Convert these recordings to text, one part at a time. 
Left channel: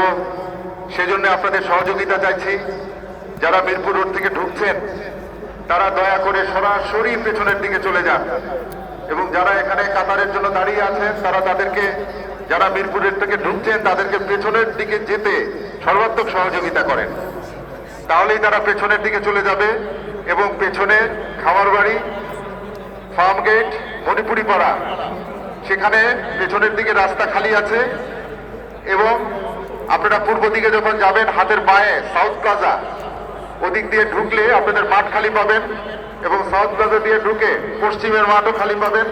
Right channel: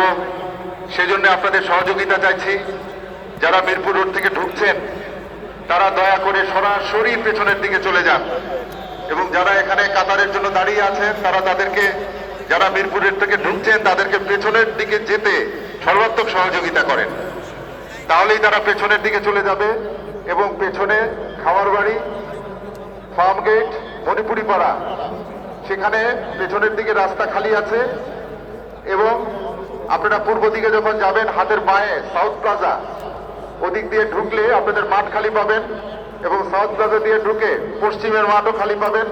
হবে, সেজন্য আপনাদের সহযোগিতা চাইছি। যারা মিরপুর রোড থেকে ঢুকছেন তারা দয়া করে সরাসরি পেছনের দিকে চলে যান, এবং যারা এখানে কাতারের জন্য দাঁড়িয়ে আছেন তারা তাদেরকে, যারা মিরপুর রোড থেকে ঢুকছেন তাদেরকে পেছনের দিকে যেতে সর্বাত্মক সহযোগিতা করেন। তাহলেই তারা পেছনের দিকে চলে যাবে এবং পেছনে খামারবাড়ি, ফার্ম গেট, মণিপুরি পাড়া, সেখানে পেছনের দিকে রাস্তা খালি আছে। এবং আপনারা পূর্ব দিকে যখন যাবেন হাতের বাঁয়ে সাউথ প্লাজা, ওদিক দিয়ে ঢুকলে আপনাদের মাঠ খালি পাবেন, এবং সাউথ প্লাজা দিয়ে ঢুকে পশ্চিমের মাঠও খালি পাবেন,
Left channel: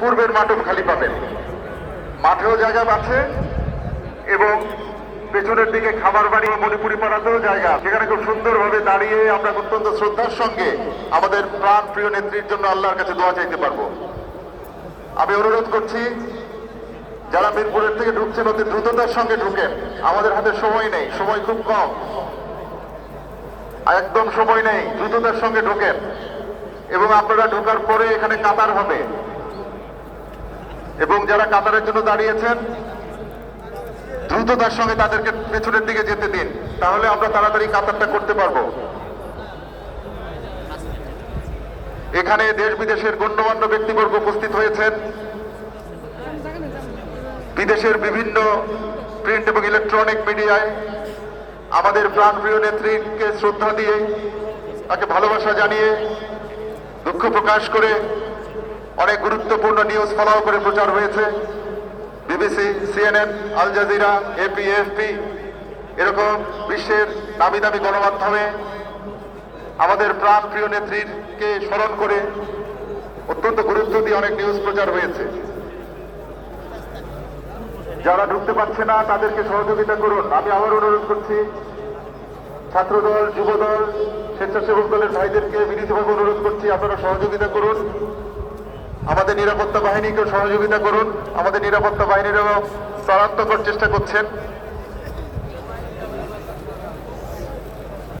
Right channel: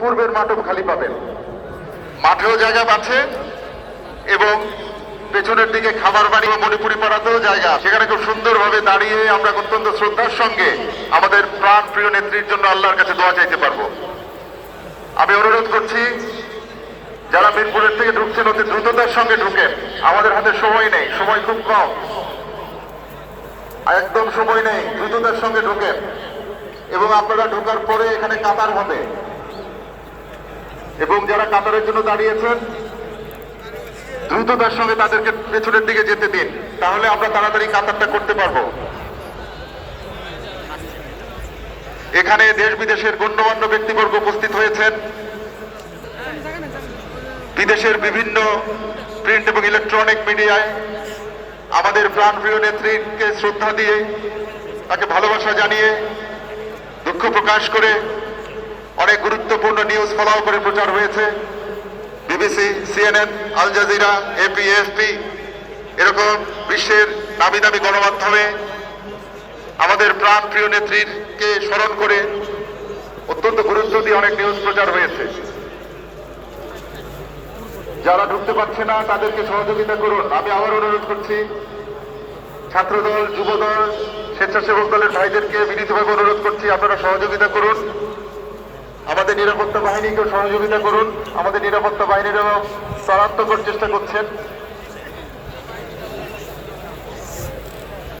পূর্বের মাঠও খালি পাবেন। মাঠেও জায়গা আছে এবং পেছনের দিকে খাবার বাড়ি ও মণিপুরি পাড়াতেও জায়গা, সেখানে খুব সুন্দরভাবে দাঁড়িয়ে আমরা অত্যন্ত শ্রদ্ধার সঙ্গে আমাদের প্রাণ প্রিয় নেত্রীর জন্য আল্লাহর কাছে দোয়া চাইতে পারবো। আমি অনুরোধ করছি যারা মিরপুরের থেকে ঢুকছেন অতি দ্রুততার সঙ্গে ঢুকেন, আমাদের হাতে সময় নেই, সময় খুব কম, একদম সময় নেই, দ্রুততার সঙ্গে ঢুকেন। এবং আপনারা ঢোকার পরে এখানে কাতার হবে, এবং যারা কাতারের জন্য দাঁড়িয়েছেন দ্রুততার সঙ্গে তাদেরকে পেছনের দিকে যেতে দিন, তাহলে আমরা তাড়াতাড়ি কাতারটা করতে পারবো। এখানে দেশ বিদেশের গণ্যমান্য ব্যক্তিবর্গ উপস্থিত হয়েছেন। বিদেশের বিভিন্ন প্রিন্ট এবং ইলেকট্রনিক মিডিয়ায় আমাদের প্রাণপ্রিয় নেত্রীকে শ্রদ্ধা দিয়ে, তাকে ভালোবাসা জানিয়ে, দুঃখ প্রকাশ করে অনেক গুরুত্বপূর্ণ নিউজ ফলাও করে প্রচার হয়েছে। BBC, CNN, Al Jazeera, AP, AFP, এরকম বিশ্বের নামি দামি গণমাধ্যমে আমাদের প্রাণপ্রিয় নেত্রীকে স্মরণ করে অত্যন্ত গুরুত্ব দিয়ে অনেক নিউজ প্রচার হয়েছে। যারা ঢুকতে পারছে না তাদেরকে সহযোগিতা করুন। আমি আবার অনুরোধ করছি, ছাত্রদল, যুবদল, স্বেচ্ছাসেবক দলের ভাইদেরকে বিনীতভাবে অনুরোধ করছি, আপনারা সহযোগিতা করুন। আমাদের নিরাপত্তা বাহিনীকেও সহযোগিতা করুন। আমাদের নিরাপত্তা বাহিনীরাও ত্বরাত্মক চেষ্টা করছেন।